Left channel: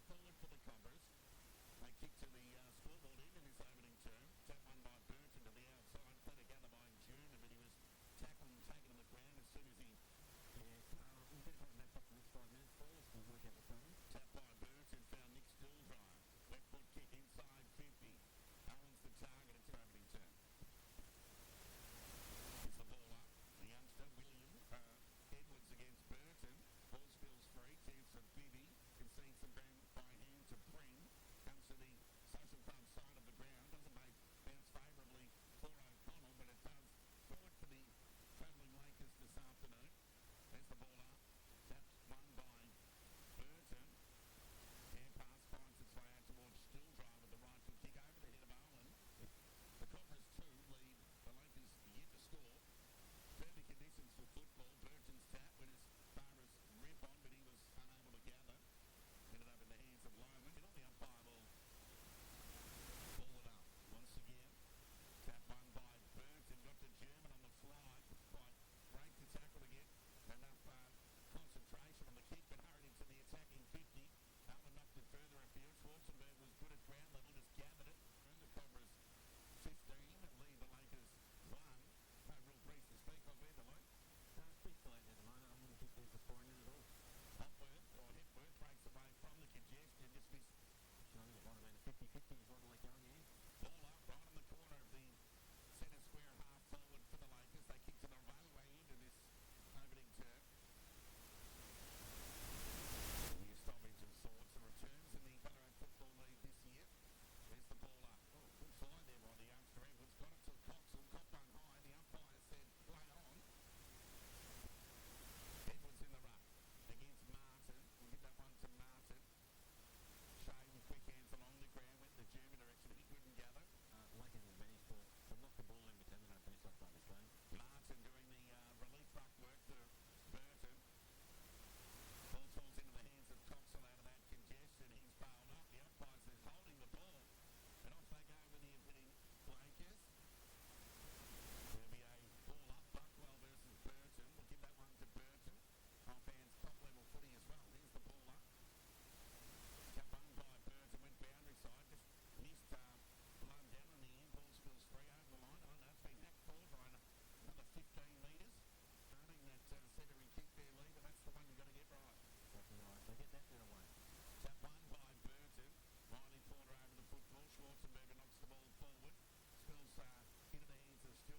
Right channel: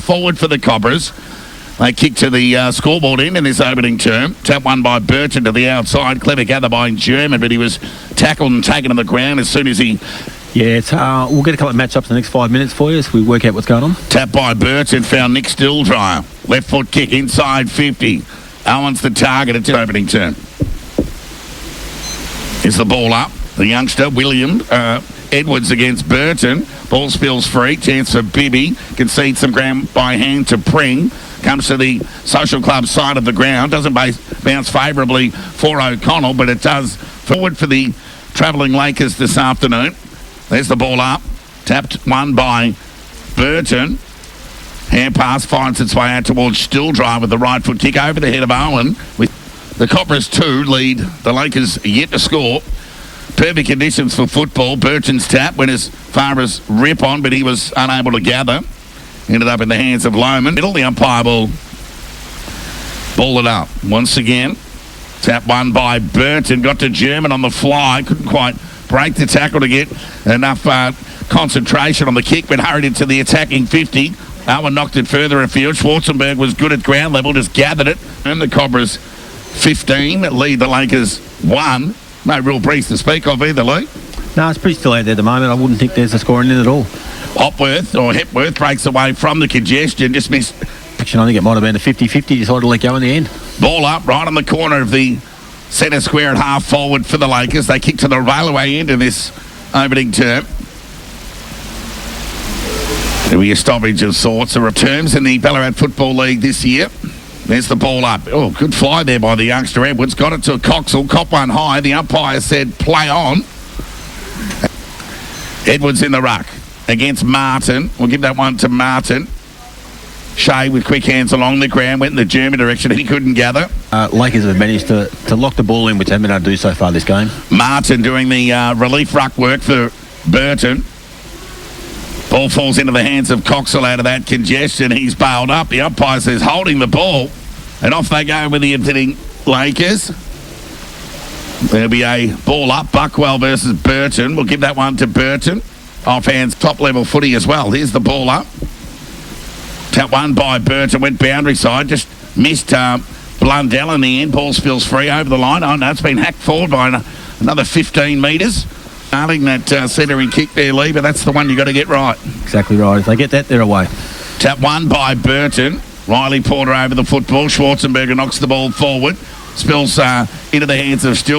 Forward for the Cobras. They kick to the scoreboard end in this opening term. Tap one by Burton to the outside. Clever gather by German, but he was tackled and taken to the ground as soon as he... Yeah, we'll get a couple of matchups in the next 5 minutes for you as we work out what's going on. Tap by Burton, found Nick Stilldryer. Left foot kick inside 50. Owen's the target at the opening term. Is the ball up. The youngster, William Edwards against Burton. Ball spills free. Chance for Bibby. Concedes some ground by hand to Pring. Comes to the Social Club side of the ground. Doesn't bounce favourably for O'Connell, but it does forward for the travelling Lakers this afternoon. There's the ball up. Tapped one by Burton. Hand pass finds its way out towards Stilldryer with the right foot kick over the head of Owen. With the Cobras 2 lead the Lakers yet to score. Perfect conditions for football. Burton's tap went as far as rip on, but he was unable to gather. Ended up in the hands of Lohman. Middle, the umpire will ball it up once again. Tap one by Burton. Got to German on the fly. Couldn't quite break the tackle to get enough concentration on the kick, but hurried into the attacking 50. Owen knocked it further afield. Schwarzenberg was good at ground level, just gathered it. And the Cobras 15 lead the Lakers 1. No real breeze to speak of either, Lee. No, it's pretty still out there at the moment. I wouldn't think there's a score in it at all. Hepworth breaks away from the congestion, just missed. I think it might have been a 50-50, decided to let go in the end. Ball up right on the corner of the centre square at half forward for the Lakers. They kick to the railway end in this opening term. There'll be a stoppage of sorts. There are terms in the Ballarat Football League this year. There's the ball up. Oh, good fly there by the youngster Edwards. Got it to Coxall. Cop one high. The umpire said play on. Edwards in the ruck against Martin. We'll give that one to Martin. Shea with quick hands along the ground. Went in the German direction. He couldn't gather. Lakers have managed to lock the ball in, which they haven't been able to do so far this game. Martin doing the relief ruck work for Burton. Ball falls into the hands of Coxall out of that congestion. He's bailed up. The umpire says holding the ball. And off they go with the hitting Lakers. There'll be a ball up. Buckwell versus Burton. We'll give that one to Burton. Off hands, top level footy as well. Here's the ball up. Tap one by Burton. Went boundary side. Just missed Blundell in the end. Ball spills free over the line. Oh no, it's been hacked forward by another 15 metres. Starting that centering kick there, Lee, but that's the one you got to get right. Exactly right. If they get that, they're away. Tap one by Burton. Riley Porter over the football. Schwarzenberger knocks the ball forward. Spills into the hands of Still.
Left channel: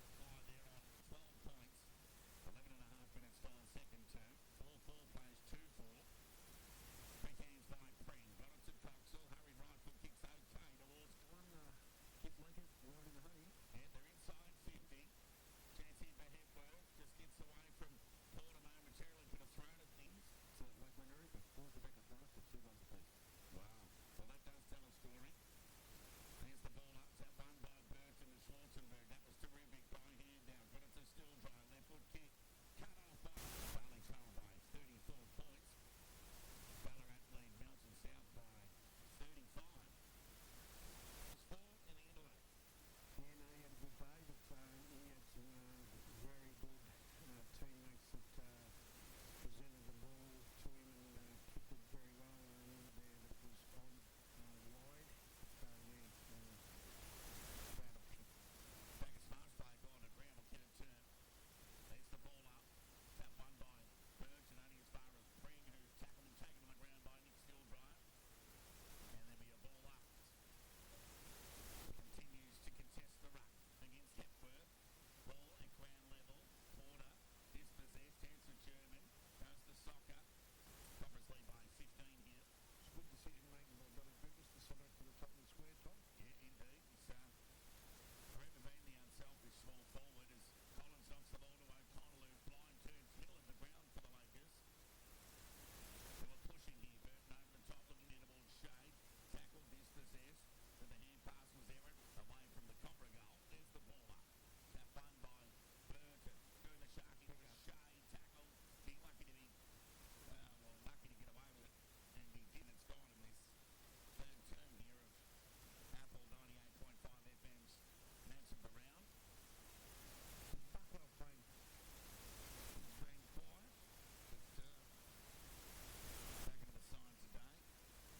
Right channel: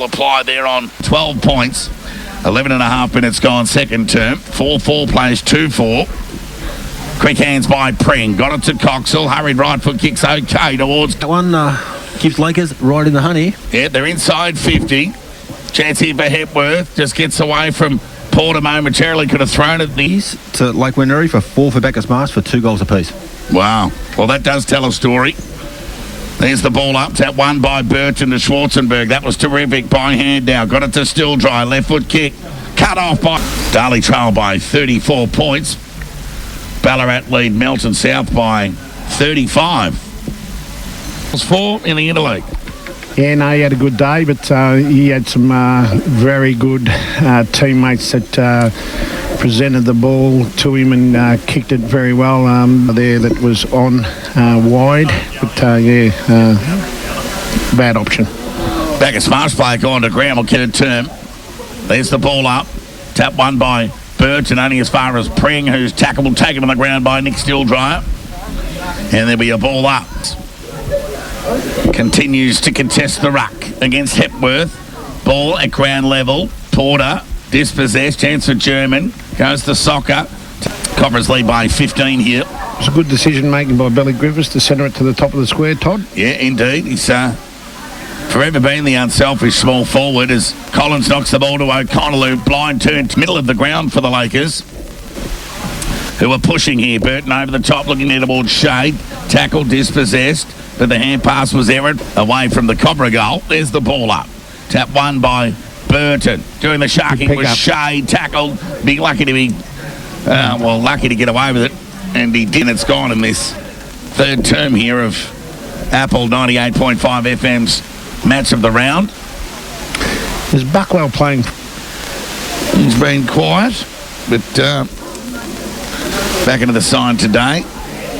Apply there on 12 points. 11 and a half minutes gone second term. 4-4 plays 2-4. Quick hands by Pring. Got it to Coxall. Hurried right foot kicks okay towards... That one keeps Lakers right in the honey. Yeah, they're inside 50. Chance here for Hepworth. Just gets away from Porter momentarily. Could have thrown it these. To Lake Wendouree for 4 for Bacchus Marsh for 2 goals apiece. Wow. Well, that does tell a story. There's the ball up. Tap one by Burton to Schwarzenberg. That was terrific by hand now. Got it to Stilldryer. Left foot kick. Cut off by... Darley trail by 34 points. Ballarat lead Melton South by 35. Was 4 in the interleague. Yeah, no, he had a good day, but he had some very good teammates that presented the ball to him and kicked it very well there. That was on wide, but bad option. Bacchus Marsh play going to ground. Will get a term. There's the ball up. Tap one by Burton, only as far as Pring, who's tackable, taken on the ground by Nick Stilldryer. And there'll be a ball up. Continues to contest the ruck against Hepworth. Ball at ground level. Porter dispossessed. Chance for German. Goes to Soccer. Cobras lead by 15 here. It's a good decision making by Billy Griffiths to centre it to the top of the square, Todd. Yeah, indeed. He's forever been the unselfish small forward as Collins knocks the ball to O'Connell, who blind turned middle of the ground for the Lakers. who are pushing here. Burton over the top, looking in towards Shade. Tackle dispossessed, but the hand pass was errant away from the Cobra goal. There's the ball up. Tap won by Burton. Doing the sharking was Shade. Tackled. Be lucky to be, lucky to get away with it. And he did. It's gone in this third term here of Apple 98.5 FM's match of the round. Is Buckwell playing? He's been quiet, but back into the side today.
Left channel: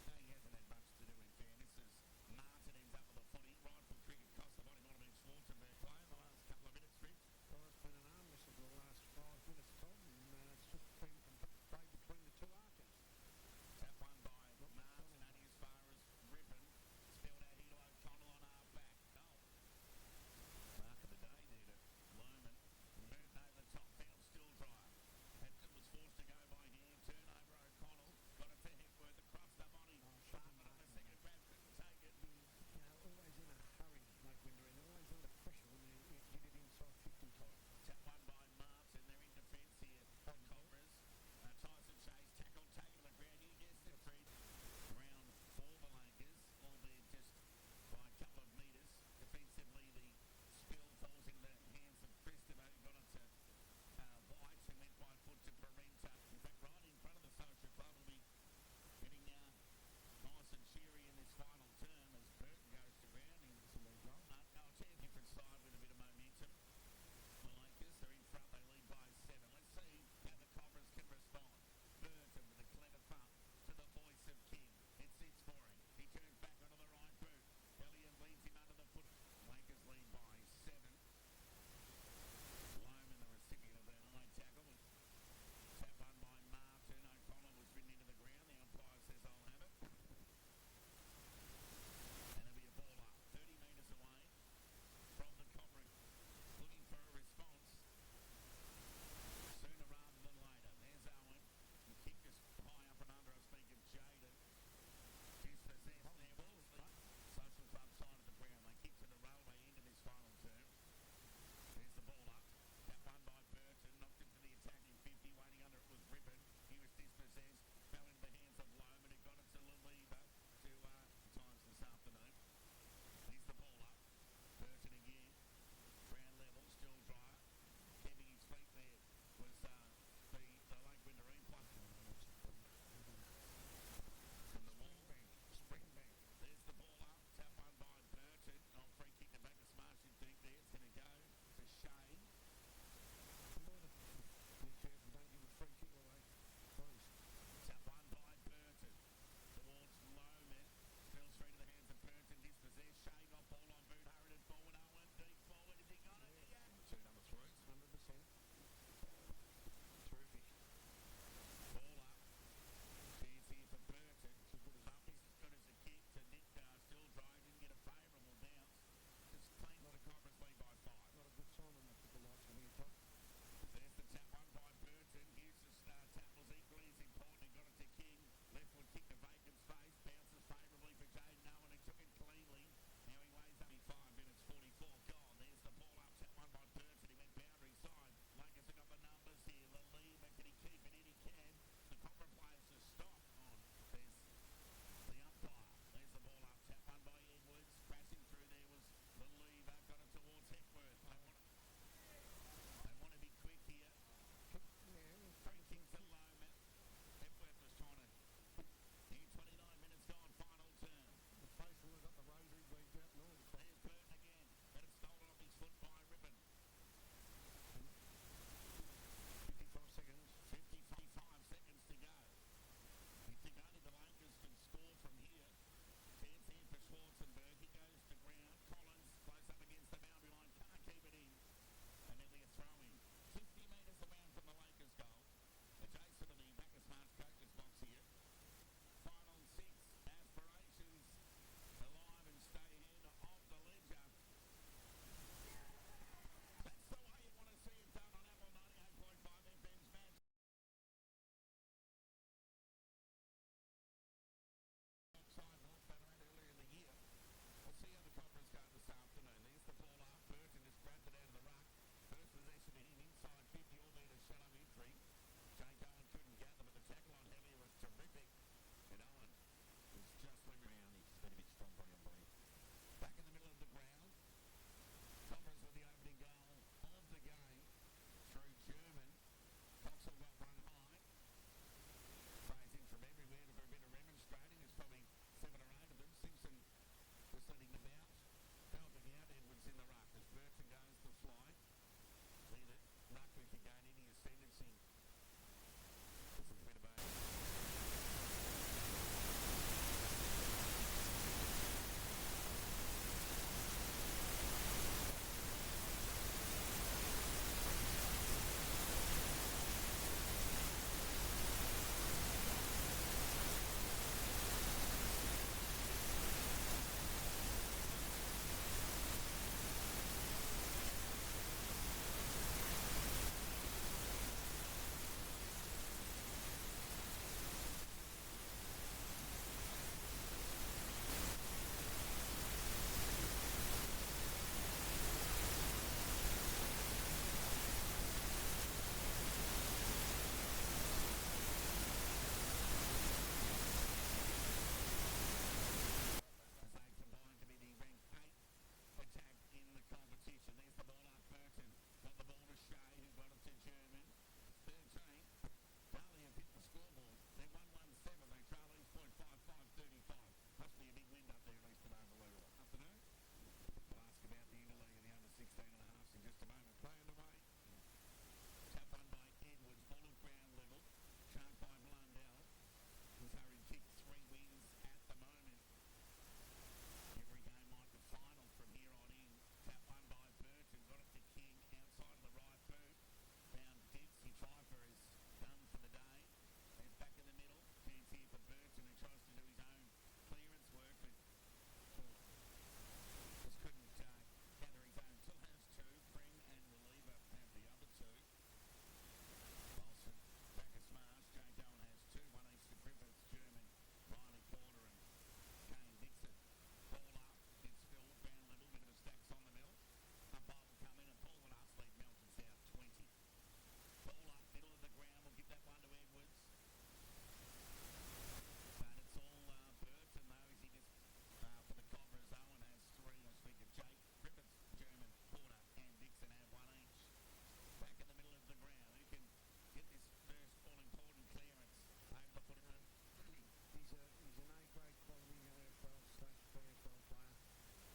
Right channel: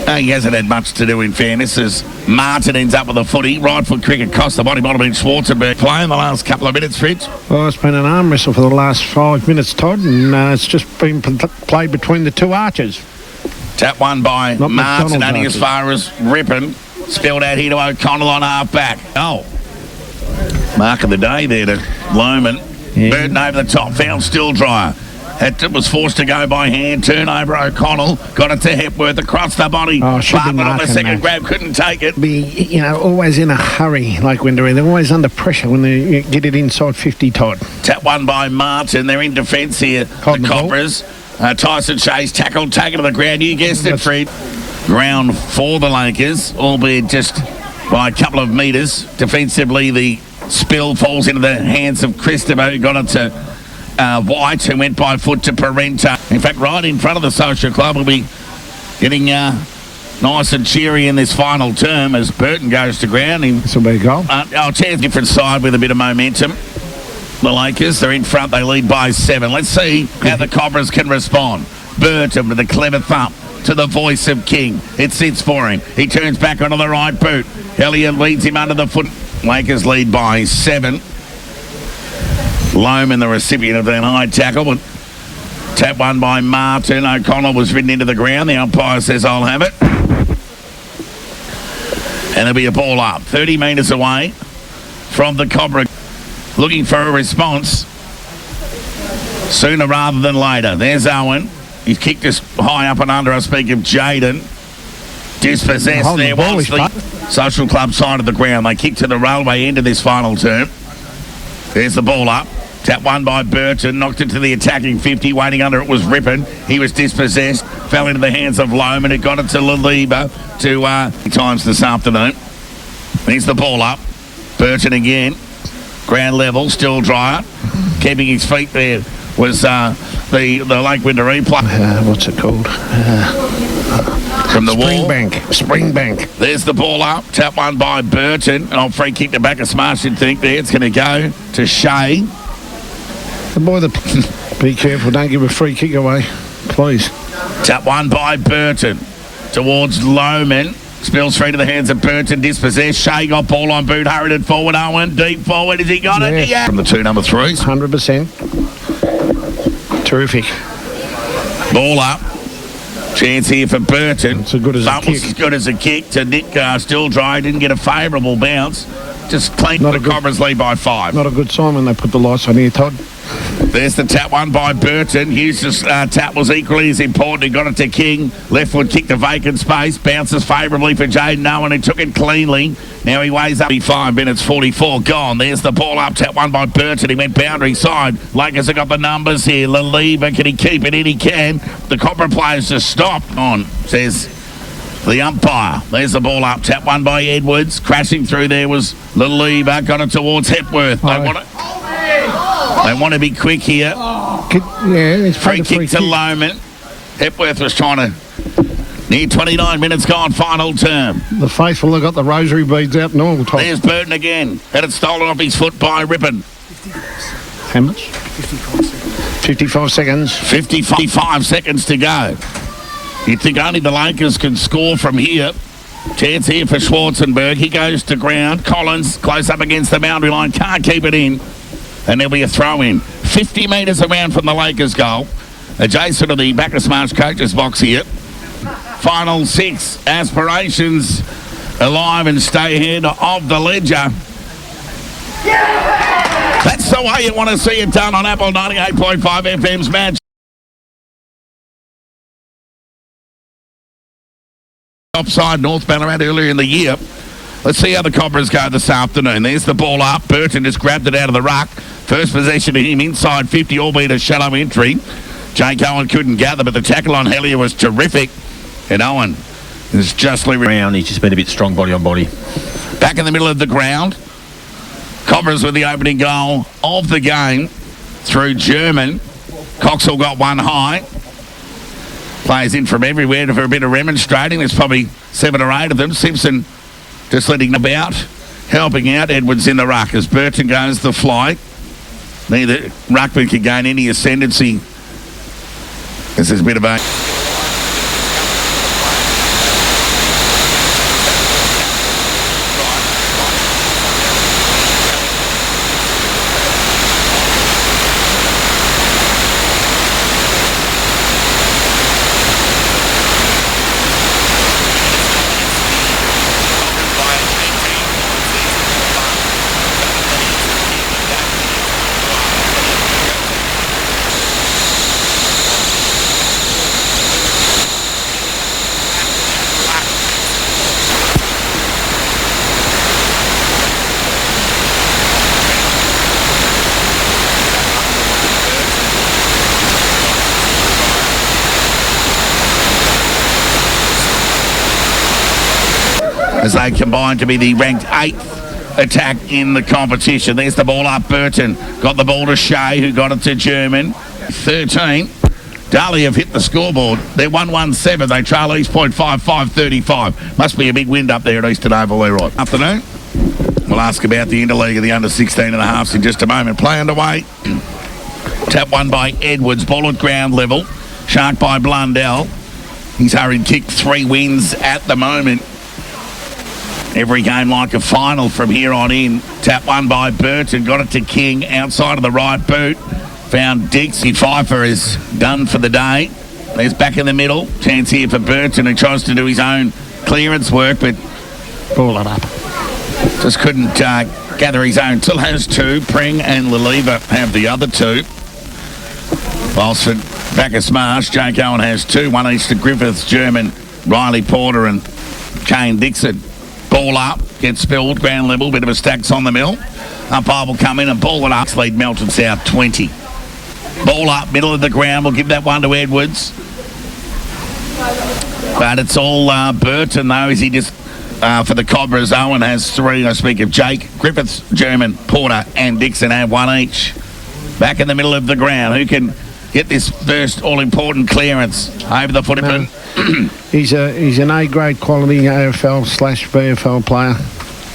He hasn't had much to do, in fairness, as Martin ends up with a footy. Right foot cricket cost the body. Might have been Schwarzenberg playing the last couple of minutes, Fritz. Well, it's been an arm wrestle for the last 5 minutes, Todd, and it's just been played between the two archers. Tap one by Not Martin, McDonald's only archers. as far as Rippon. Spilled out here to O'Connell on half back. Oh. Mark of the day there to Lohman. Yeah. Burton over the top, found Still-Dryer. It was forced to go by hand. Turnover, O'Connell. Got it to Hepworth across the body. Oh, should be Bartlett on the marking second that. grab, couldn't take it. Be, always in a hurry, like when they're always under pressure when they get it inside 50, Todd. Tap one by Martin. They're in defence here. Holding The the ball. Cobras. Tyson Shays tackled, taken to the ground. You guessed it, Fred. Ground for the Lakers, albeit just by a couple of metres. Defensively, the spill falls into the hands of Christopher, who got it to White, who went by foot to Parenta. In fact, right in front of the Social Club, will be getting nice and cheery in this final term as Burton goes to ground. This will be a goal. Chance different side with a bit of momentum. The Lakers, they're in front, they lead by 7. Let's see how the Cobras can respond. Burton with a clever thump to the voice of King. It sits for him. He turns back onto the right boot. Elliott leads him under the foot. Lakers lead by 7. Lohman, the recipient of that high tackle, but tap one by Martin. O'Connell was ridden into the ground. The umpire says, I'll have it. And there'll be a ball up 30 metres away from the Cobra. Looking for a response sooner rather than later. There's Owen. He's kicked us high up and under. I speak of Jaden. Dispossessed Holding there the ball, was he's the Social Club side of the ground. They kicked to the railway end of this final term. There's the ball up. Tap one by Burton. Knocked it to the attacking 50. Waiting under it was Rippon. He was dispossessed. Fell into the hands of Lohman. It got it to Laliba times this afternoon. There's the ball up. Burton again. Ground level, Still-Dryer. Keeping his feet there was the Lake Winter replay. What's it called? From the wall. Springbank. There's the ball up. Tap one by Burton. Oh, free kick to back of Smash, you'd think there. It's going to go to Shea. The boy be careful, don't give a free kick away, please. Tap one by Burton towards Lohman. Spills through to the hands of Burton, dispossessed. Shea got ball on boot, hurried it forward. Owen, deep forward. Has he got it? Yeah. From the 2 number 3s. 100%. Terrific. Ball up. Chance here for Burton. It's as good as a That was kick. as good as a kick to Nick Still-Dry. Didn't get a favourable bounce. Just clean Not the a good- Cobras lead by 5. Not a good sign when they put the lights on here, Todd. There's the tap one by Burton. Hughes' tap was equally as important. He got it to King. Left foot kicked the vacant space. Bounces favourably for Jaden Owen, who took it cleanly. Now he weighs up 5 minutes 44 gone. There's the ball up. Tap one by Burton. He went boundary side. Lakers have got the numbers here. Laliba, can he keep it in? He can. The Cobra players just stop on, says the umpire. There's the ball up. Tap one by Edwards. Crashing through there was Laliba. Got it towards Hepworth. They want to be quick here. It's Free kick to Lohman. Hepworth was trying to... Near 29 minutes gone, final term. The faithful have got the rosary beads out and all, Todd. There's Burton again. Had it stolen off his foot by Rippon. How much? 55 seconds. 55 seconds to go. You'd think only the Lakers can score from here. Chance here for Schwarzenberg. He goes to ground. Collins close up against the boundary line. Can't keep it in. And there'll be a throw in. 50 metres around from the Lakers goal. Adjacent to the Bacchus Marsh coaches box here. Final 6. Aspirations alive and stay ahead of the ledger. That's the way you want to see it done on Apple 98.5 FM's match. Offside North Ballarat earlier in the year. Let's see how the Cobras go this afternoon. There's the ball up. Burton just grabbed it out of the ruck. First possession to him inside 50, albeit a shallow entry. Jake Owen couldn't gather, but the tackle on Hellier was terrific. And Owen is justly Round, he's just been a bit strong body on body. back in the middle of the ground. Cobras with the opening goal of the game through German. Coxall got one high. Players in from everywhere for a bit of remonstrating. There's probably 7 or 8 of them. Simpson just letting them about, helping out. Edwards in the ruck as Burton goes the flight. Neither ruckman can gain any ascendancy. This is a bit of a... as they combine to be the ranked 8th attack in the competition. There's the ball up. Burton got the ball to Shea, who got it to German. 13. Darley have hit the scoreboard. They're 1-1-7. They trail East Point 5-5-35. Must be a big wind up there at Eastern Oval, Leroy. Afternoon. We'll ask about the interleague of the under 16 and a halves in just a moment. Play underway. Tap one by Edwards. Ball at ground level. Shark by Blundell. He's hurried kick 3 wins at the moment. Every game like a final from here on in. Tap one by Burton. Got it to King outside of the right boot. Found Dixie. Pfeiffer is done for the day. There's back in the middle. Chance here for Burton, who tries to do his own clearance work, but Ball it up. just couldn't gather his own. Still has 2. Pring and Laliva have the other 2. Whilst for Bacchus Marsh, Jake Owen has 2. One each to Griffiths, German, Riley Porter and Kane Dixon. Ball up, gets spilled, ground level, bit of a stacks on the mill. Umpire will come in and ball it up. Lead Melton South 20. Ball up, middle of the ground. We'll give that one to Edwards. But it's all Burton, though, as he just, for the Cobras, Owen has 3. I speak of Jake, Griffiths, German, Porter and Dixon have 1 each. Back in the middle of the ground. Who can get this first all-important clearance over the footman? He's an A-grade quality AFL/VFL player.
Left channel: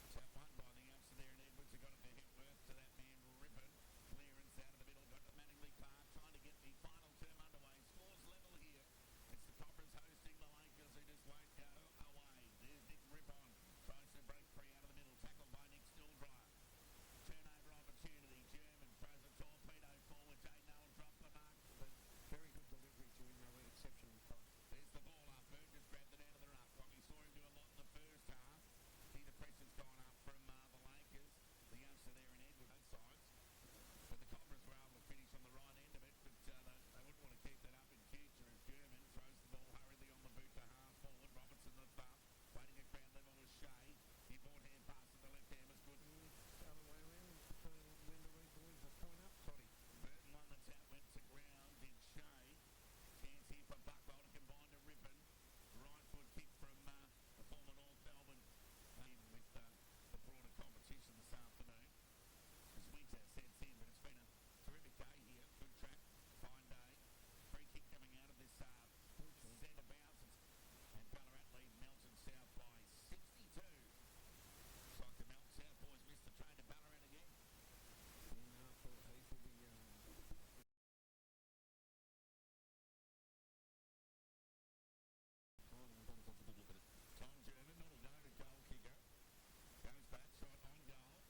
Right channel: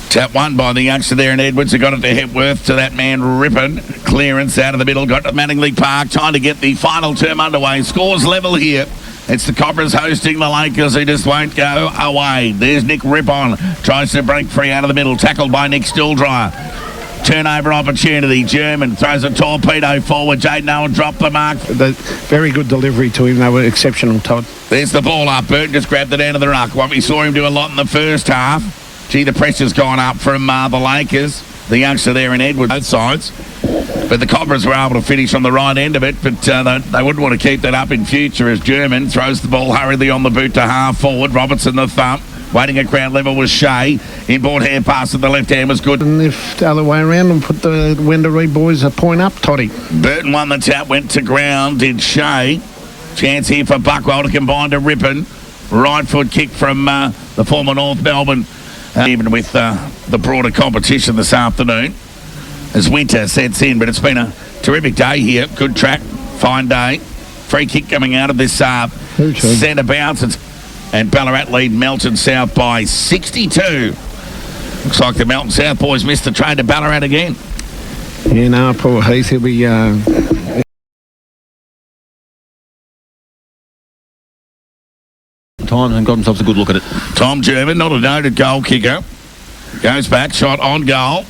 Tap one by the youngster there in Edwards, who got it to Hepworth, to that man Rippon. Clearance out of the middle, got to Manningley Park. Time to get the final term underway. Scores level here. It's the Cobras hosting the Lakers, who just won't go away. There's Nick Rippon. Tries to break free out of the middle. Tackled by Nick Stilldryer. Turnover opportunity. German throws a torpedo forward. Jaden Owen dropped the mark. Very good delivery to him. They were exceptional, Todd. There's the ball up. Burton just grabbed it out of the ruck. What we saw him do a lot in the first half. Gee, the pressure's gone up from the Lakers. The youngster there in Edwards, both sides. But the Cobras were able to finish on the right end of it, but they wouldn't want to keep that up in future as German throws the ball hurriedly on the boot to half forward. Robertson the thump. Waiting at ground level was Shea. Inboard hand pass to the left hand was good. And if the other way around and put the Wendouree boys a point up, Toddy. Burton won the tap, went to ground, did Shea. Chance here for Buckwell to combine to Rippon. Right foot kick from the former North Melbourne. Even with the broader competition this afternoon as winter sets in. But it's been a terrific day here. Good track, fine day. Free kick coming out of this centre bounce. And Ballarat lead Melton South by 62. Looks like the Melton South boys missed the train to Ballarat again. Yeah, no, poor Heath. He'll be... Time and got themselves a good look at it. Tom German, not a noted goal kicker. Goes back, shot on goal.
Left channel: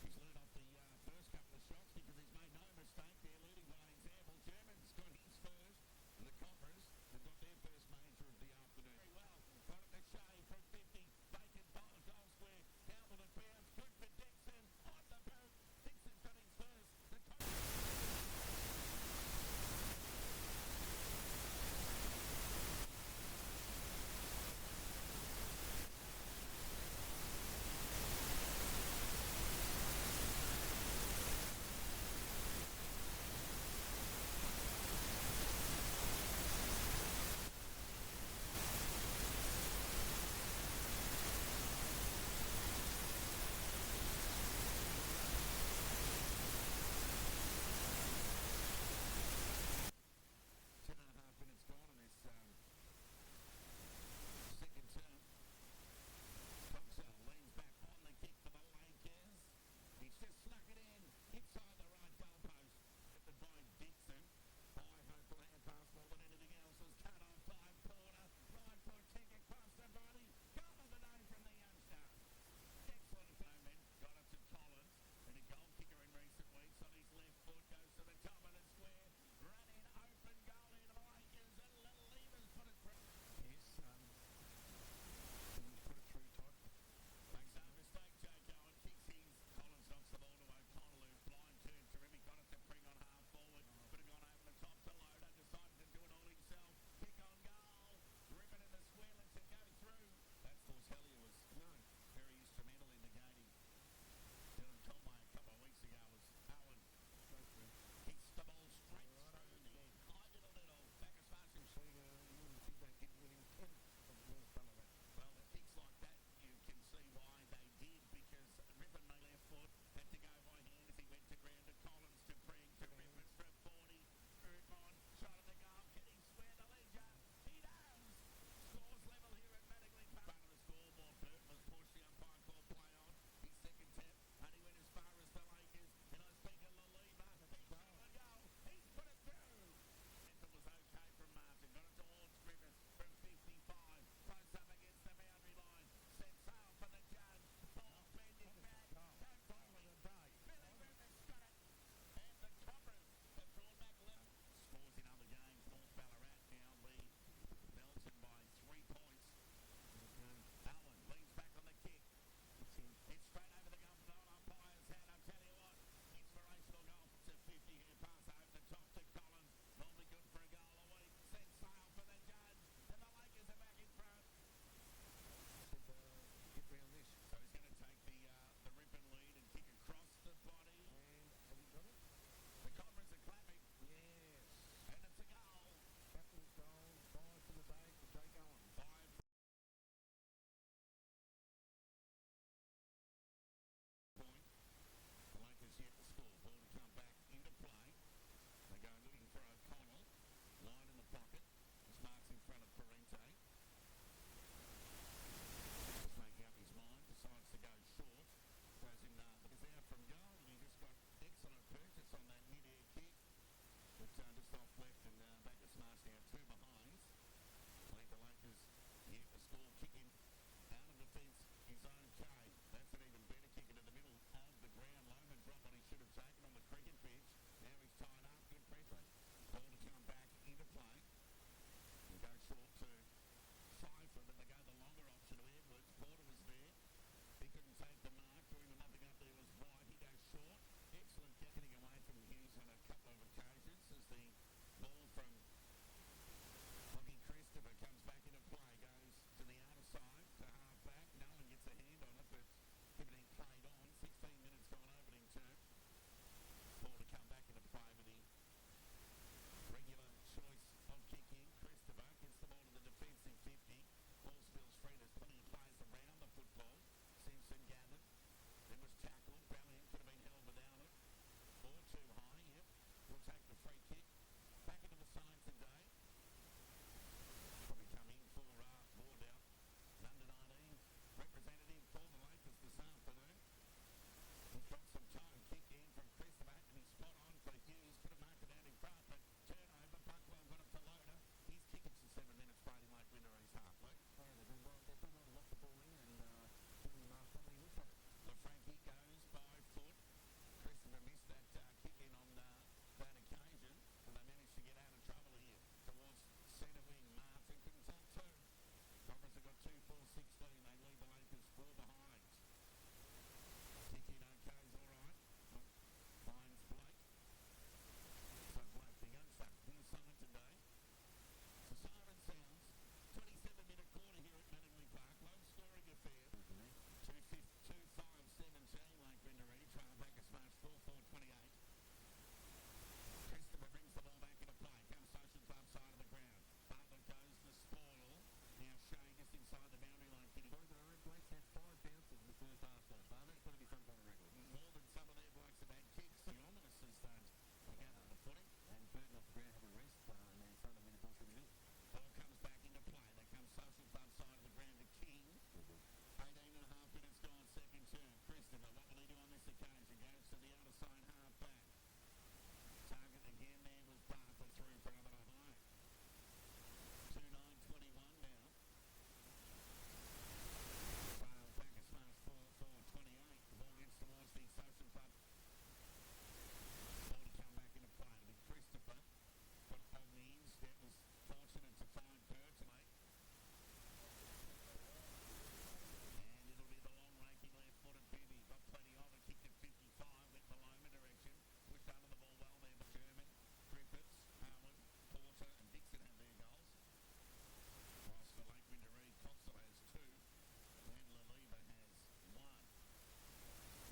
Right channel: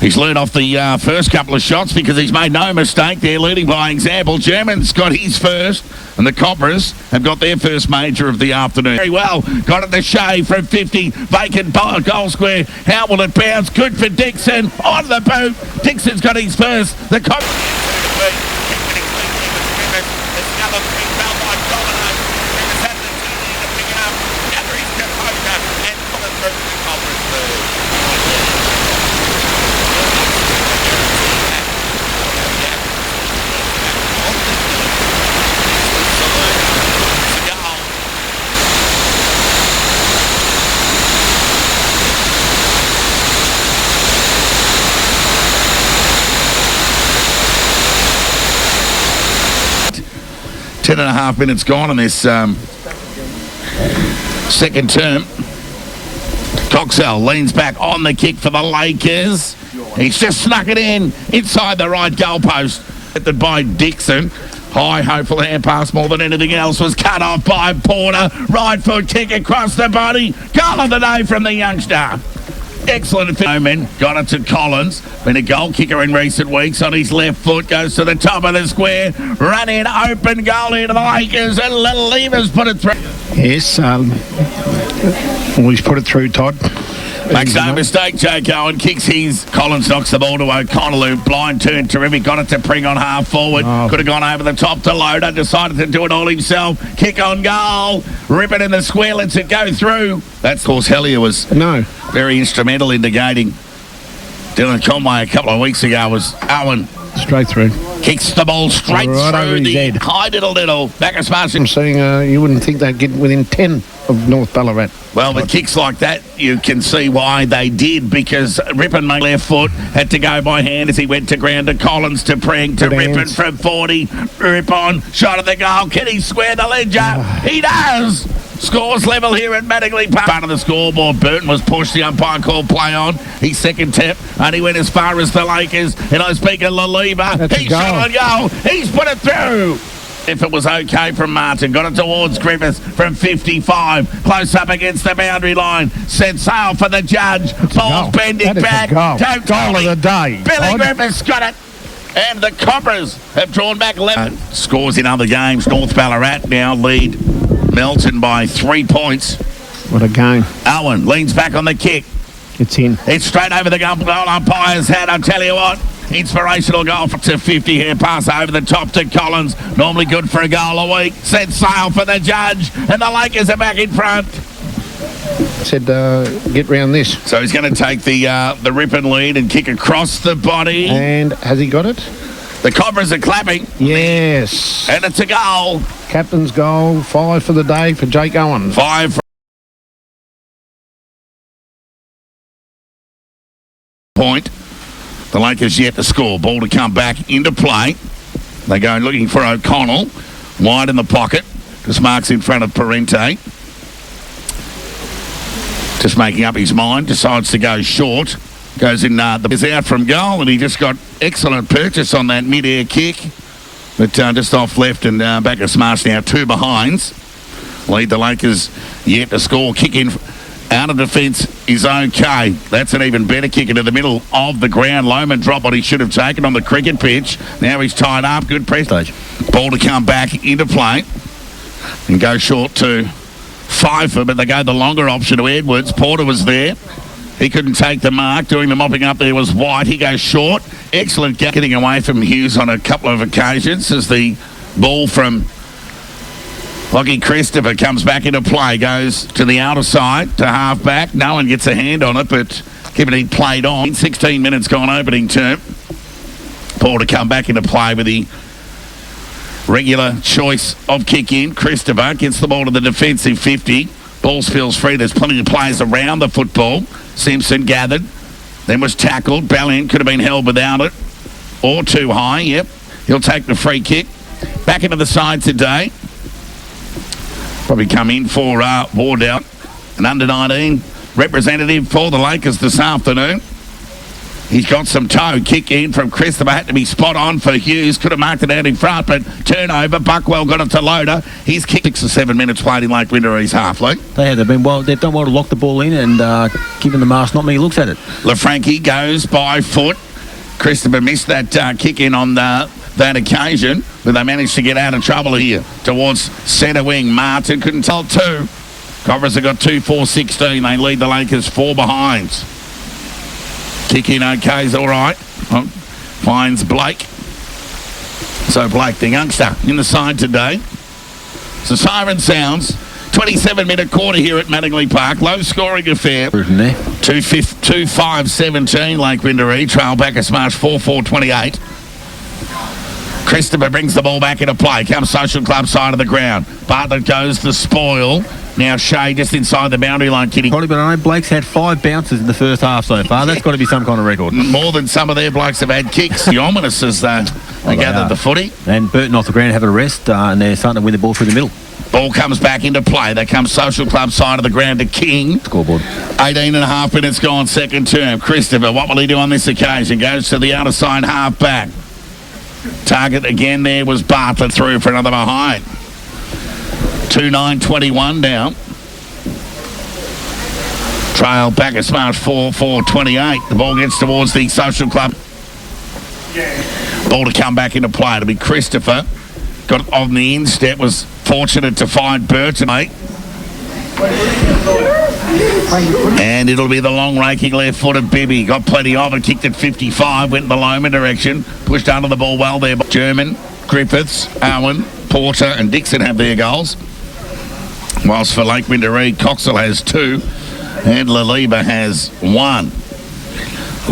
He's learned off the first couple of shots because he's made no mistake there, leading by example. German's got his first, and the Cobras have got their first major of the afternoon. Very well, got it to Shea from 50, vacant goal square. How will it bounce? Good for Dixon, on the boot. Dixon's got his first. The Cobras... 10.5 minutes gone in this second term. Coxell leans back on the kick for the Lakers. He's just snuck it in inside the right goalpost. By Dixon. High, hopeful hand pass more than anything else was cut off by Porter. Right foot kick across the body. Goal of the day from the youngster. Excellent. Omen got it to Collins. Been a goal kicker in recent weeks on his left foot. Goes to the top of the square. Run in, open goal into the Lakers. And Little Levers put it through. Yes, always put it through, Todd. Makes no mistake, Jake Owen kicks his. Collins knocks the ball to O'Connell, who blind turn terrific. Got it to Pring on half forward. Could have gone over the top to Loader. Decided to do it all himself. Kick on goal. Rip it in the square. Lets it go through. That's, of course, Hellier was very instrumental in negating Dylan Conway a couple of weeks ago. Was Owen. Straight through. Kicks the ball straight through the head. hide it a little. Back as far as I'm saying you wouldn't think they'd get within 10 of North Ballarat. Well, with kicks like that, you can see why they did, because Rippon made left foot, had to go by hand as he went to ground to Collins to Pring to Rippon from 40. Rippon, shot at the goal. Can he square the ledger? He does! Scores level here at Mattingley Park. Part of the scoreboard, Burton was pushed. The umpire called play on. His second tap, and he went as far as the Lakers. And I speak of Laliba. He shot on goal. He's put it through. If it was okay from Martin, got it towards Griffiths from 55, close up against the boundary line, set sail for the judge, ball's bending back, goal of the day. Billy Griffiths got it, and the Cobras have drawn back 11. Scores in other games. North Ballarat now lead Melton by 3 points. What a game. Owen leans back on the kick. It's in. It's straight over the goal umpire's head, I'll tell you what. Inspirational goal to 50 here. Pass over the top to Collins. Normally good for a goal a week. Set sail for the judge. And the Lakers are back in front. Said, get round this. So he's going to take the Rippon lead and kick across the body. And has he got it? The Cobras are clapping. Yes. And it's a goal. Captain's goal. 5 for the day for Jake Owen. 5 for point. The Lakers yet to score. Ball to come back into play. They go looking for O'Connell. Wide in the pocket. Just marks in front of Parente. Just making up his mind. Decides to go short. Goes in. Is out from goal, and he just got excellent purchase on that mid-air kick. But just off left and back of Smash now. 2 behinds. Lead the Lakers yet to score. Kick in. Out of defence is okay. That's an even better kick into the middle of the ground. Lohman dropped what he should have taken on the cricket pitch. Now he's tied up. Good press. Ball to come back into play and go short to Pfeiffer, but they go the longer option to Edwards. Porter was there. He couldn't take the mark. Doing the mopping up there was White. He goes short. Excellent getting away from Hughes on a couple of occasions as the ball from Lockie Christopher comes back into play, goes to the outer side, to half-back. No one gets a hand on it, but given he played on. 16 minutes gone opening term. Paul to come back into play with the regular choice of kick-in. Christopher gets the ball to the defensive 50. Ball spills free. There's plenty of players around the football. Simpson gathered, then was tackled. Ballion could have been held without it, or too high. Yep, he'll take the free kick. Back into the side today. Probably come in for Wardout, an under-19 representative for the Lakers this afternoon. He's got some toe. Kick in from Christopher. Had to be spot on for Hughes. Could have marked it out in front, but turnover. Buckwell got it to Loader. He's kicked 6 or 7 minutes played in Lake Winterree's half, Luke. They've done well to lock the ball in and given the mask not many looks at it. LaFranchi goes by foot. Christopher missed that kick in on that occasion, but they managed to get out of trouble here towards centre wing. Martin couldn't tell 2. Cobras have got 2-4-16. They lead the Lakers 4 behinds. Kick in okay is all right. Finds Blake. So Blake, the youngster, in the side today. So siren sounds. 27-minute quarter here at Mattingley Park. Low scoring affair. 2-5-17 Lake Winderee. Trail back a smash 4-4-28. Christopher brings the ball back into play. Comes Social Club side of the ground. Bartlett goes the spoil. Now Shea just inside the boundary line, Kitty. Probably, but I know Blake's had 5 bounces in the first half so far. That's got to be some kind of record. More than some of their blokes have had kicks. The ominous as they gathered the footy. And Burton off the ground having a rest, and they're starting to win the ball through the middle. Ball comes back into play. They come Social Club side of the ground to King. Scoreboard. 18 and a half minutes gone, second term. Christopher, what will he do on this occasion? Goes to the outer side, half back. Target again there was Bartlett through for another behind. 2-9-21 down. Trail back a smart 4-4-28. The ball gets towards the Social Club. Ball to come back into play. It'll be Christopher. Got it on the instep. Was fortunate to find Burton. And it'll be the long raking left-footed Bibby. Got plenty of it. Kicked at 55. Went in the Loma direction. Pushed under the ball well there. German, Griffiths, Owen, Porter and Dixon have their goals. Whilst for Lake Windaree, Coxell has 2 and Laliba has 1.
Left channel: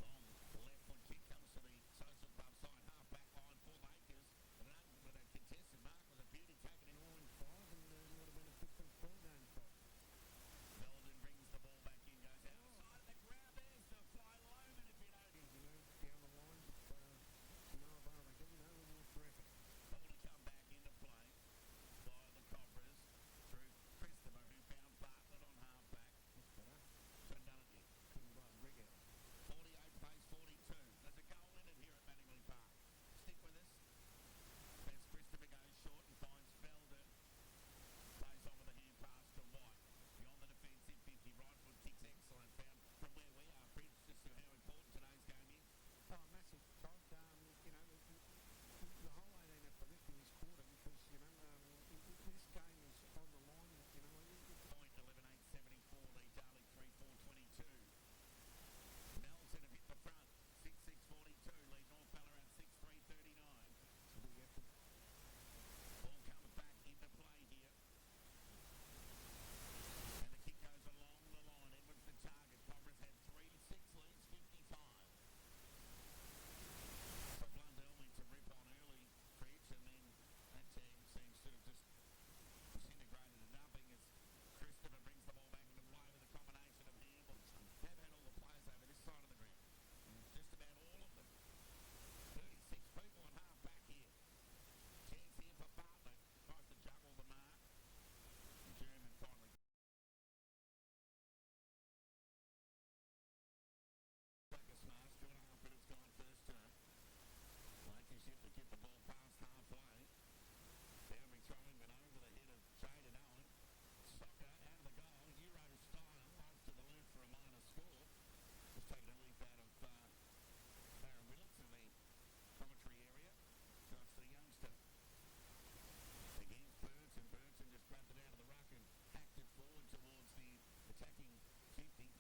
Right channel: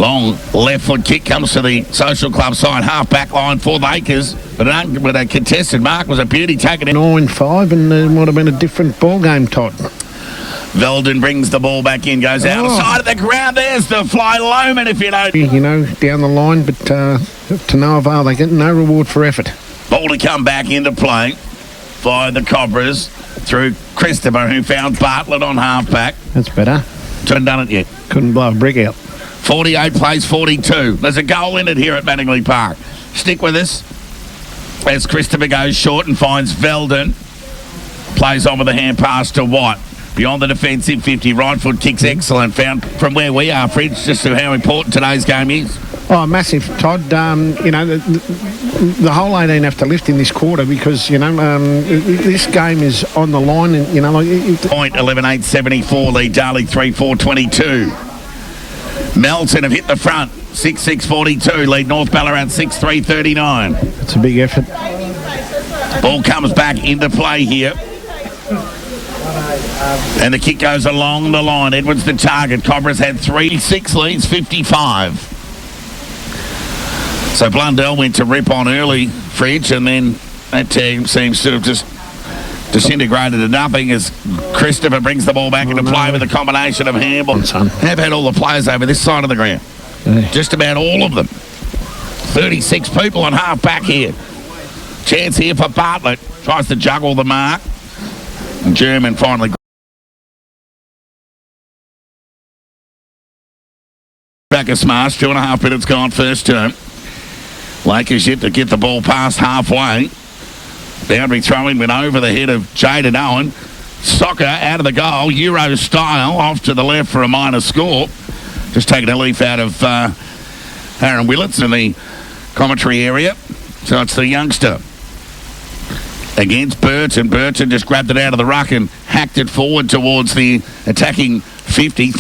Long left foot kick comes to the Social Club side, half back line for the Acres, but a contested mark was a beauty taken in. 9-5 and it might have been a different ball game, Todd. Veldon brings the ball back in, goes outside of the ground. There's the fly Loman, if you know. You know, down the line, but to no avail. They get no reward for effort. Ball to come back into play by the Cobras through Christopher, who found Bartlett on half back. That's better. Haven't done it yet. Couldn't blow a brick out. 48 plays 42. There's a goal in it here at Mattingly Park. Stick with us as Christopher goes short and finds Veldon. Plays on with a hand pass to Watt. Beyond the defensive 50, right foot kicks excellent. Found from where we are, Fridge, just to how important today's game is. Oh, massive, Todd. You know, the whole 18 have to lift in this quarter because, you know, this game is on the line and, you know, like... Point 11-8-74, lead Darley 3-4-22. Melton have hit the front, 6-6-42, lead North Ballarat 6-3-39. It's a big effort. Ball comes back into play here. And the kick goes along the line. Edwards the target. Cobras had 3-6 leads, 55. So Blundell went to rip on early, Fridge, and then that team seems to have just disintegrated to nothing as Christopher brings the ball back into play with a combination of handball. Have had all the players over this side of the ground. Just about all of them. 36 people on half back here. Chance here for Bartlett. Tries to juggle the mark. And German finally back a smash. 2.5 minutes gone first term. Lakers yet to get the ball past halfway. Boundary throwing went over the head of Jaden Owen. Soccer out of the goal. Euro style off to the left for a minor score. Just taking a leaf out of Aaron Willits in the commentary area. So it's the youngster against Burton. Burton just grabbed it out of the ruck and hacked it forward towards the attacking 50.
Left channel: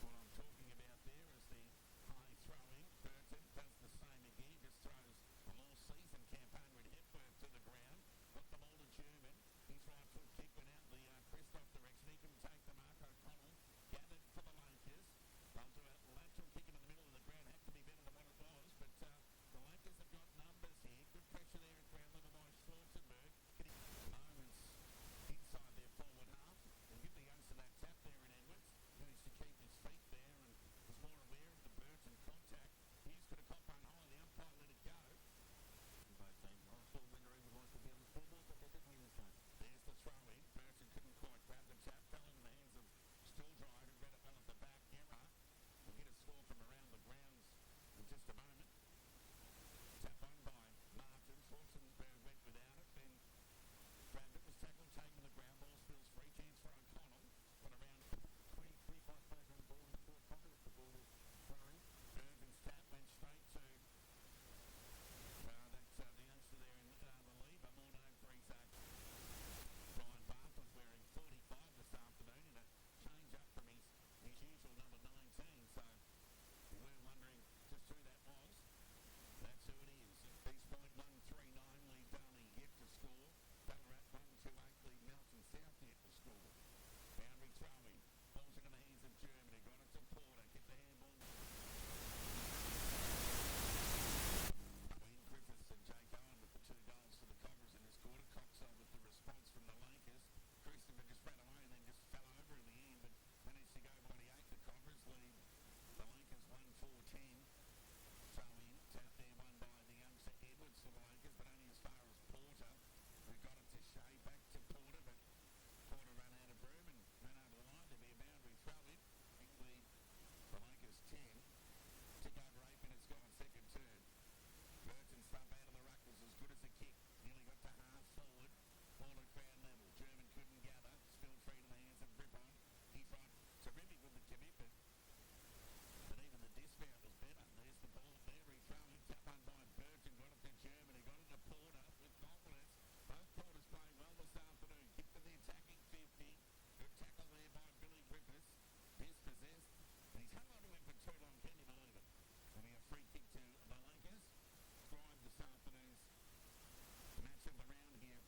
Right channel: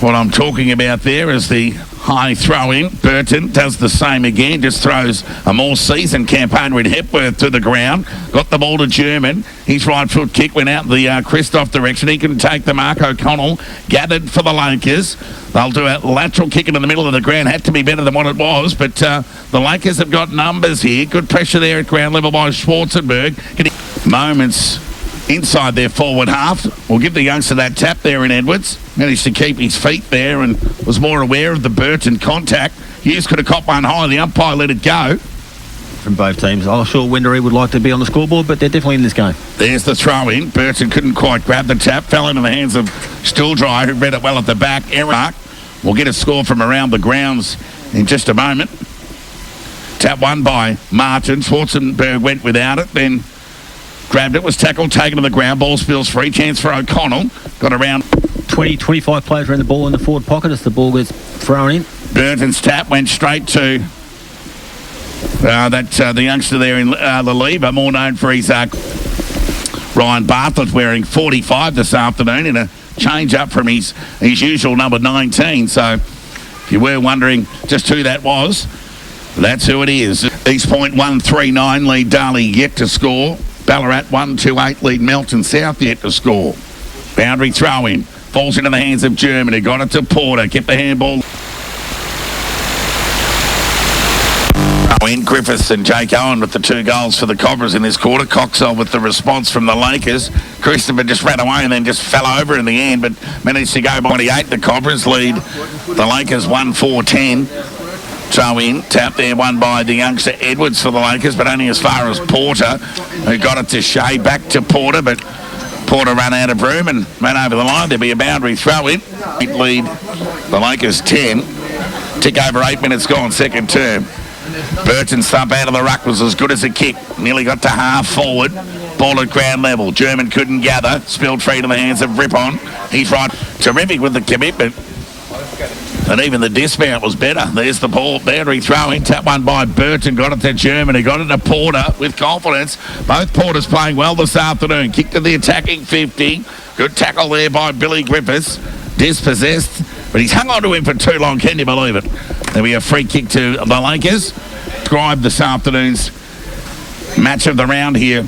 What I'm talking about there is the high throw in. Burton does the same again, just throws a more seasoned campaigner in Hepworth to the ground. Got the ball to German. His right foot kick went out the Christoph direction. He can take the mark. O'Connell gathered for the Lakers. They'll do a lateral kick into the middle of the ground. Had to be better than what it was, but the Lakers have got numbers here. Good pressure there at ground level by Schwarzenberg. Moments inside their forward half. We'll give the youngster that tap there in Edwards. Managed to keep his feet there and was more aware of the Burton contact. Hughes could have caught one high. The umpire let it go. From both teams. I'm sure Windaree would like to be on the scoreboard, but they're definitely in this game. There's the throw in. Burton couldn't quite grab the tap. Fell into the hands of Stilldry, who read it well at the back. Eric will get a score from around the grounds in just a moment. Tap won by Martin. Schwarzenberg went without it. Then grabbed it, was tackled, taken to the ground. Ball spills free. Chance for O'Connell. Got around 25 players around the ball in the forward pocket as the ball gets thrown in. Burton's tap went straight to the youngster there in Laliba, more known for his Ryan Bartlett, wearing 45 this afternoon in a change up from his usual number 19. So if you were wondering just who that was, that's who it is. East Point 1-3-9 lead Darley yet to score. Ballarat 1-2-8 lead Melton South yet to score. Boundary throw in. Falls into the hands of Germany. Got it to Porter. Kept the handball. Wayne Griffiths and Jake Owen with the 2 goals for the Cobras in this quarter. Coxall with the response from the Lakers. Christopher just ran away and then just fell over in the end, but managed to go by 28. The Cobras lead the Lakers 1-4-10. Throw in, tap there, won by the youngster Edwards for the Lakers, but only as far as Porter, who got it to Shea, back to Porter, but Porter ran out of room and ran over the line. There'll be a boundary throw in. Lead the Lakers 10. Tick over 8 minutes gone, second term. Burton's thump out of the ruck was as good as a kick. Nearly got to half forward. Ball at ground level. German couldn't gather. Spilled free to the hands of Rippon. He's right. Terrific with the commitment. And even the dismount was better. There's the ball. Boundary throw in. Tap one by Burton. Got it to German. He got it to Porter with confidence. Both Porters playing well this afternoon. Kick to the attacking 50. Good tackle there by Billy Griffiths. Dispossessed. But he's hung on to him for too long. Can you believe it? There'll be a free kick to the Lakers. Describe this afternoon's match of the round here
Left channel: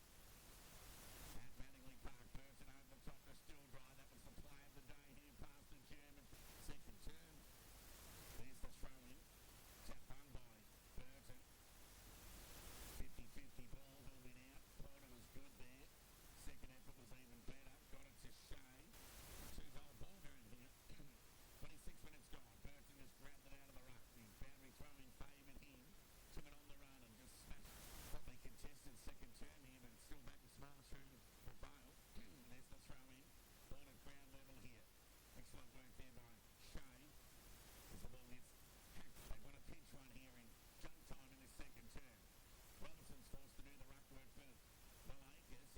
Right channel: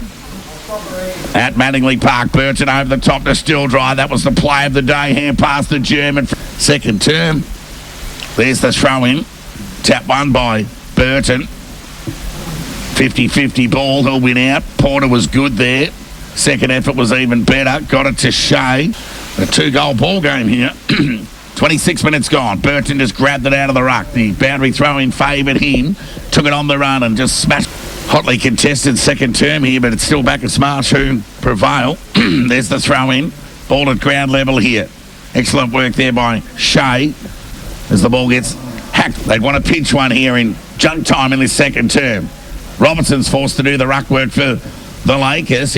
at Mattingley Park. Burton over the top to Stilldry. That was the play of the day. Hand past the German. Second term. There's the throw in. Tap one by Burton. 50-50 ball. He'll win out. Porter was good there. Second effort was even better. Got it to Shea. A 2-goal ball game here. 26 minutes gone. Burton just grabbed it out of the ruck. The boundary throw in favoured him. Took it on the run and just smashed. Hotly contested second term here, but it's still back at Smarsh who prevail. There's the throw in. Ball at ground level here. Excellent work there by Shea as the ball gets hacked. They'd want to pinch one here in junk time in this second term. Robertson's forced to do the ruck work for the Lakers.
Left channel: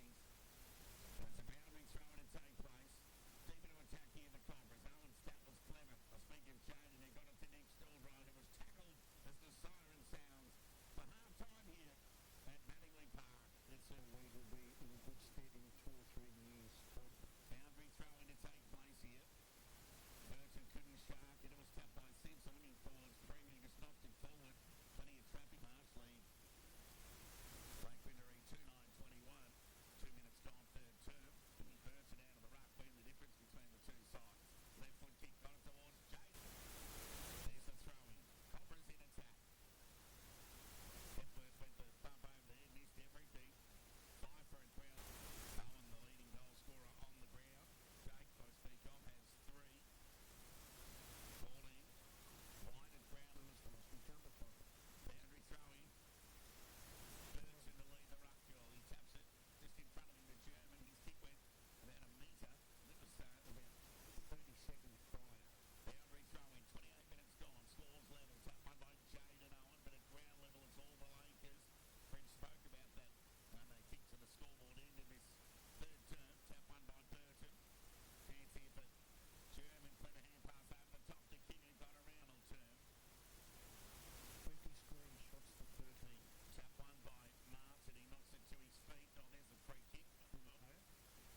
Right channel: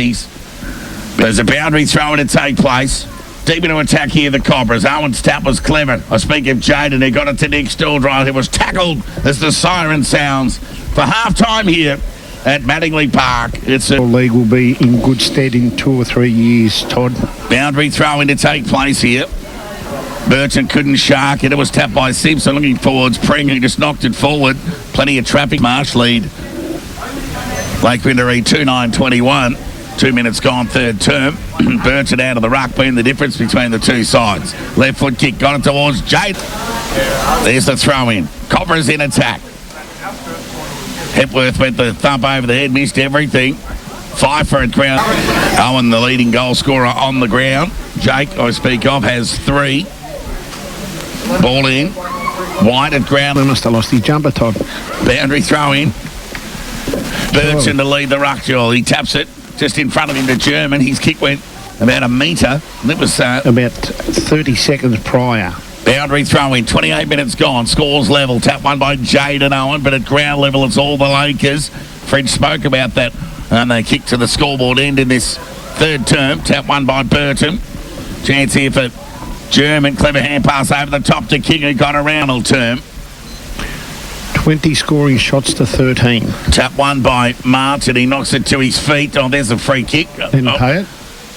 There's a boundary throw in to take place. Deep into attack here, the Cobras. Owen's tap was clever. I speak of Jaden, who got it to Nick Stilldry, who was tackled as the siren sounds for half-time here at Mattingley Park. It's a league will be in good stead in 2 or 3 years, Todd. Boundary throw in to take place here. Burton couldn't shark it. It was tapped by Simpson looking forwards. Pring, who just knocked it forward. Plenty of traffic. Marsh lead. Lake Windermere 2-9-21. 2 minutes gone, third term. Burton out of the ruck, being the difference between the two sides. Left foot kick, got it towards Jade. There's the throw in. Cobras in attack. Hepworth went the thump over the head, missed everything. Pfeiffer at ground. Owen, the leading goal scorer on the ground. Jake, I speak of, has 3. Ball in. White at ground. They must have lost his jumper, Todd. Boundary throw in. Burton to lead the ruck, Joel. He taps it just in front of him to German. His kick went about a metre. And it was about 30 seconds prior. Boundary throw in. 28 minutes gone. Scores level. Tap one by Jaden Owen, but at ground level it's all the Lakers. Fred spoke about that. And they kick to the scoreboard end in this third term. Tap one by Burton. Chance here for German. Clever hand pass over the top to King, who got around all term. 20 scoring shots to 13. Tap one by Martin. He knocks it to his feet. Oh, there's a free kick. Didn't pay it.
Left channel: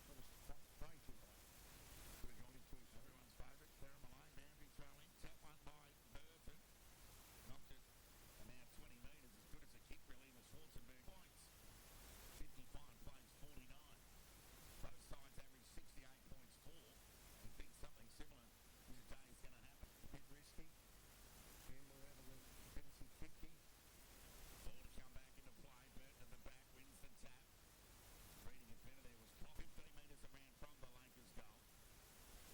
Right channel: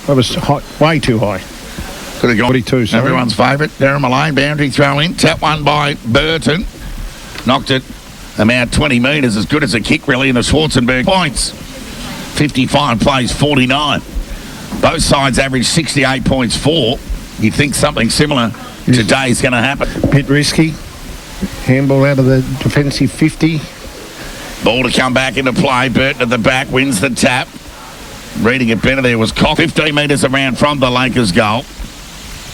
That was high, way too high. Could have gone 42, sorry. Everyone's favourite. Darren Malone, boundary throw in. Tap one by Burton. Knocked it about 20 metres. As good as a kick, really, in the Schwarzenberg points. 55 plays 49. Both sides average 68 points 4. You'd think something similar today is going to happen. Bit risky. Handball out of the defensive 50. Ball to come back into play. Burton at the back wins the tap. Reading it better there was Cox. 15 metres around from the Lakers goal.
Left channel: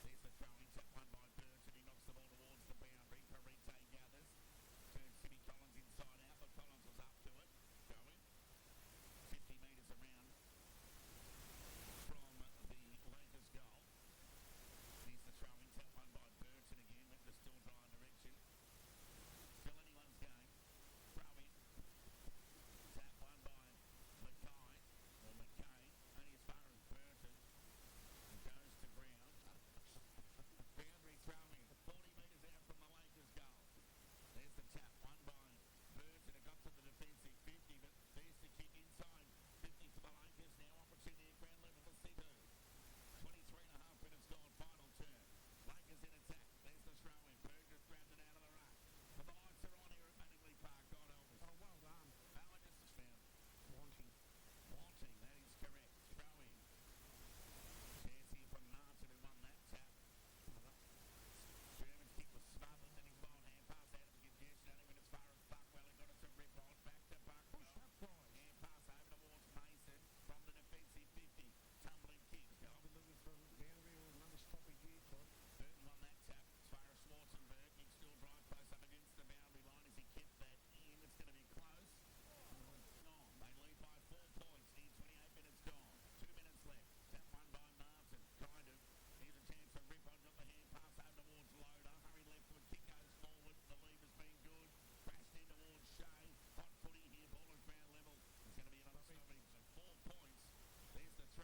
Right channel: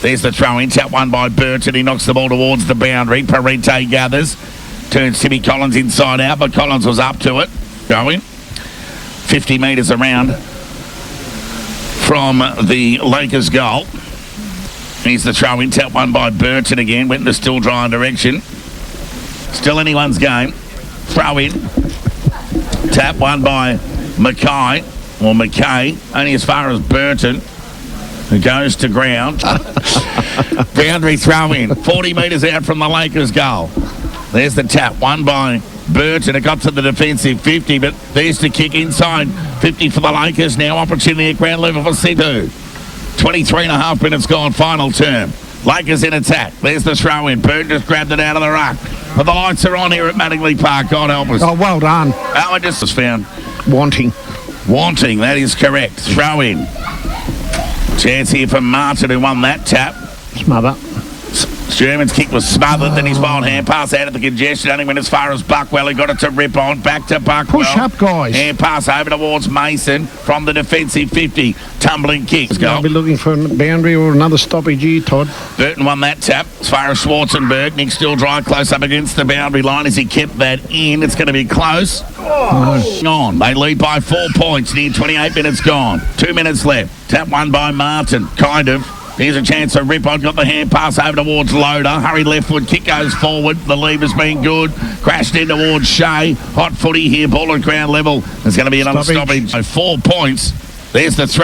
There's the throw in. Tap one by Burton. He knocks the ball towards the boundary. Parente gathers. Turns Timmy Collins inside out, but Collins was up to it. Going. 50 metres around from the Lakers goal. Here's the throw in. Tap one by Burton again. Went in the Stilldry direction. Still anyone's game. Throw in. Tap one by McKay. Only as far as Burton, who goes to ground. Boundary throw in. 40 metres out from the Lakers goal. There's the tap. One by Burton. It got to the defensive 50, but there's the kick inside. 50 for the Lakers. Now opportunity at ground level for Situ. 23.5 minutes gone, final term. Lakers in attack. There's the throw in. Burton just grabbed it out of the ruck. But the lights are on here at Mattingley Park. God help us. Oh, well done. Owen just was found wanting, that is correct. Throw in. Chance here for Martin, who won that tap. Smother. Sherman's kick was smothered, then his wild hand pass out of the congestion, only went as far as Buckwell. He got it to rip on, back to Buckwell. Push up, guys. Hand pass over towards Mason from the defensive 50. Tumbling kick. I'll be looking for a boundary or another stoppage here, Todd. Burton won that tap as far as Schwarzenberg. Nick still dry close up against the boundary line as he kept that in. It's going to be close. On. They lead by 4 points. Near 28 minutes gone. 2 minutes left. Tap won by Martin. Kind of. Here's a chance to rip on. Got the hand pass over towards Loader. Hurry left foot. Kick goes forward. The lever's been good. Crashed in towards Shea. Hot footy here. Ball at ground level. There's going to be another stoppage. So 4 points. There's the throw.